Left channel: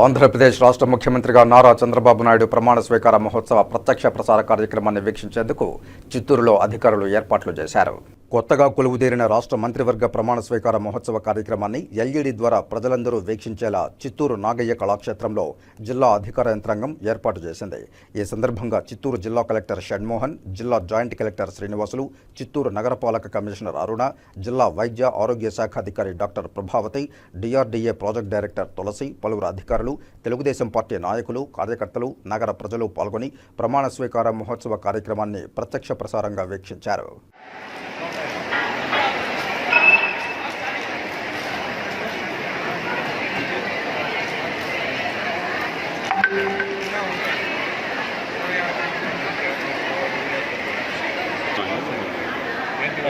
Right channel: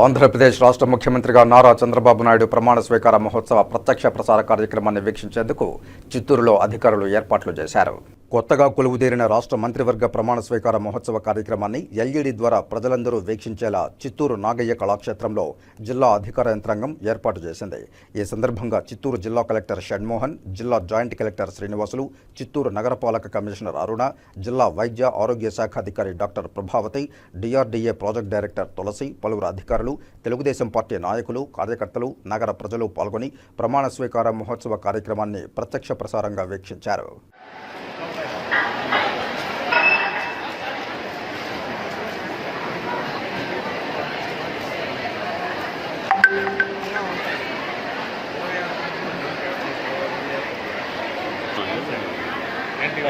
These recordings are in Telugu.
ఆంధ్రప్రదేశ్ రాష్ట్ర ముఖ్యమంత్రిగా నారా చంద్రబాబు నాయుడు ప్రమాణ స్వీకార మహోత్సవ ప్రత్యక్ష ప్రసార కార్యక్రమాన్ని వీక్షించేందుకు చిత్తూరులో అధికారులు ఏర్పాట్లు చేశారు. కొత్తగా కొలువుదేరిన రాష్ట్ర మంత్రివర్గ ప్రమాణ స్వీకార మహోత్సవ కార్యక్రమాన్ని ఎల్ఈడి ద్వారా ప్రజలందరూ వీక్షించేలా చిత్తూరు నాగయ్య కళాక్షేత్రంలో జిల్లా అధికార యంత్రాంగం ఏర్పాటు చేసింది. ఈ సందర్భంగా చిత్తూరు జిల్లా కలెక్టర్ షణ్మోహన్ జిల్లా జాయింట్ కలెక్టర్ శ్రీనివాసులు చిత్తూరు నగరపాలక కమిషనర్ అరుణ జిల్లా వైద్య ఆరోగ్య శాఖ అధికారి doctor Prabhavathi DRDA project director Tulasi పలువురు అధికారులు తెలుగుదేశం పార్టీ నాయకులు కార్యకర్తలు నగర ప్రజలు పాల్గొని ప్రమాణ స్వీకార మహోత్సవ కార్యక్రమాన్ని ప్రత్యక్ష ప్రసారంగా వీక్షించారు.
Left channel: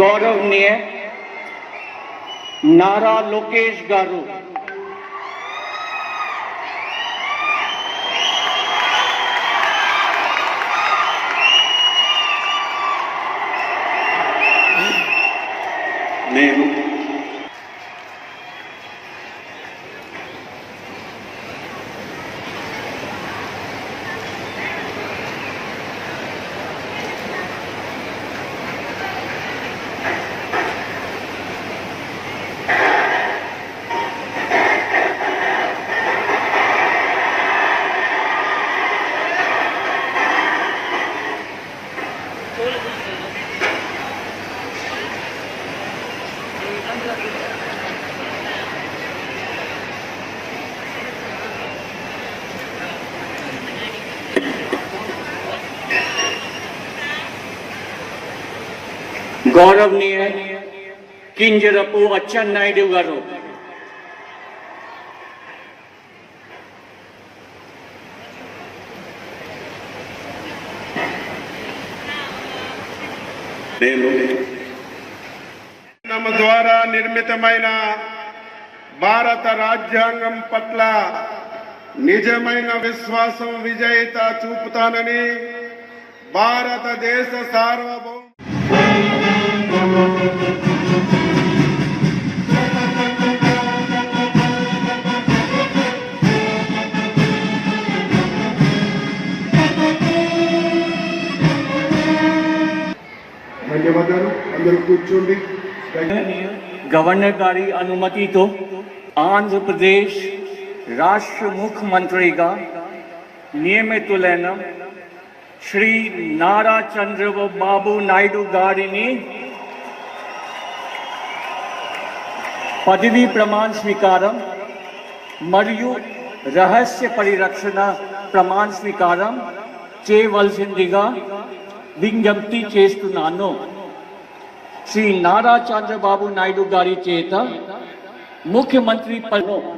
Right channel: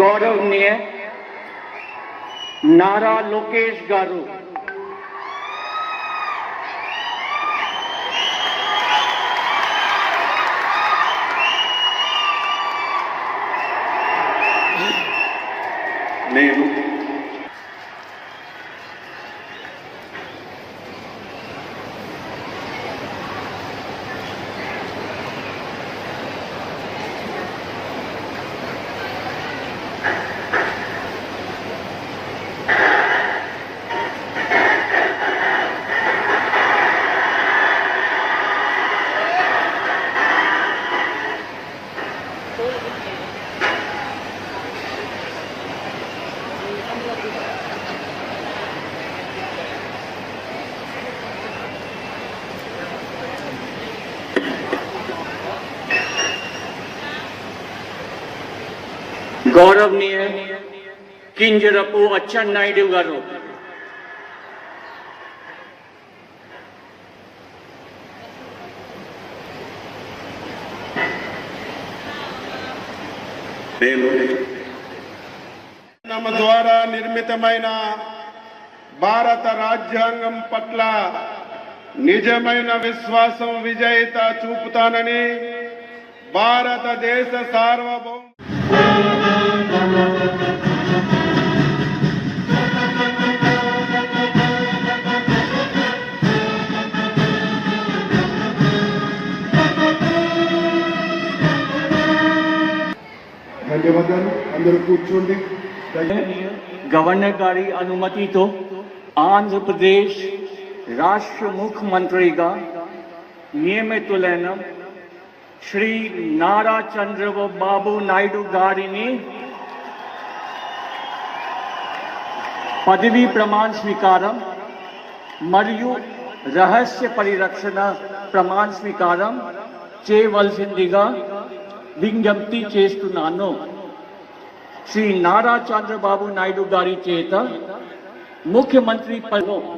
గౌరవనీయ నారా లోకేష్ గారు నేను గౌరవనీయ కింజరపు అచ్చెన్నాయుడు గారు నేను నమ ద్వారా నిర్మితమైన భారత రాజ్యాంగం పట్ల నిజమైన విశ్వాసం విజేత చూపుతానని భారతదేశ సార్వభౌమ ధన్యవాదాలు. అందరూ కూర్చోండి. గవర్నర్ గారి అనుమతితో ఆంధ్రప్రదేశ్ రాష్ట్ర ముఖ్యమంత్రిగా నియమితులైన శ్రీ నారా చంద్రబాబు నాయుడు గారిని పదవీ ప్రమాణ స్వీకారం మరియు రహస్య పరిరక్షణ ప్రమాణ స్వీకారం చేయవలసిందిగా విజ్ఞప్తి చేస్తున్నాను. శ్రీ నారా చంద్రబాబు నాయుడు గారి చేత ముఖ్యమంత్రి పదం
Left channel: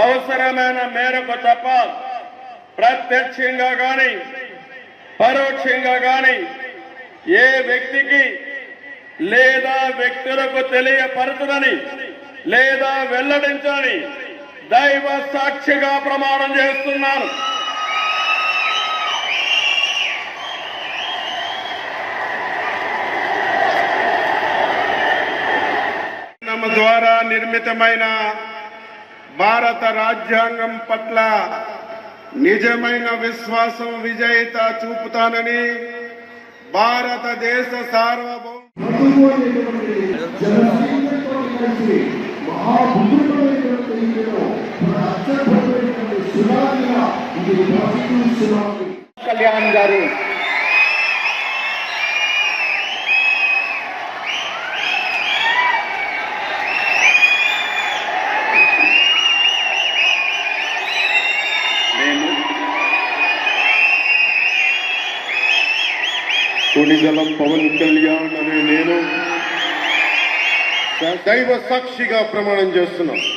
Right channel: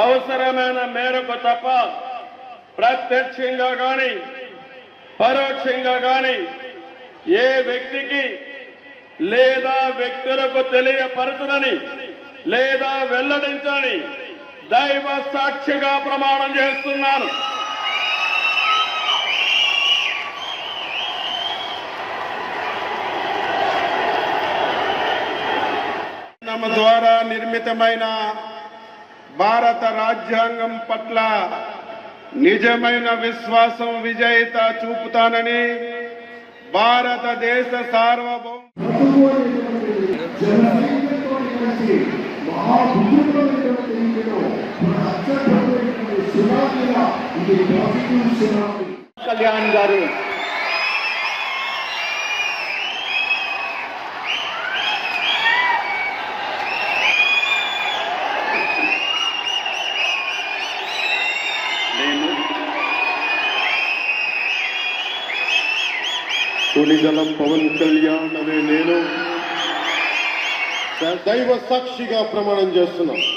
అవసరమైన మేరకు తప్ప ప్రత్యక్షంగా గాని పరోక్షంగా గాని ఏ వ్యక్తికి లేదా వ్యక్తులకు తెలియపరచదని లేదా వెల్లడించని దైవ సాక్షిగా ప్రమాణం చేస్తున్నాను. ద్వారా నిర్మితమైన భారత రాజ్యాంగం పట్ల నిజమైన విశ్వాసం విజేత చూపుతానని భారతదేశ సార్వభౌమ కళ్యాణ్ గారు నేను కొడిగల పవన్ కళ్యాణ్ అనే నేను దైవ సాక్షిగా ప్రమాణం చేస్తున్నాను.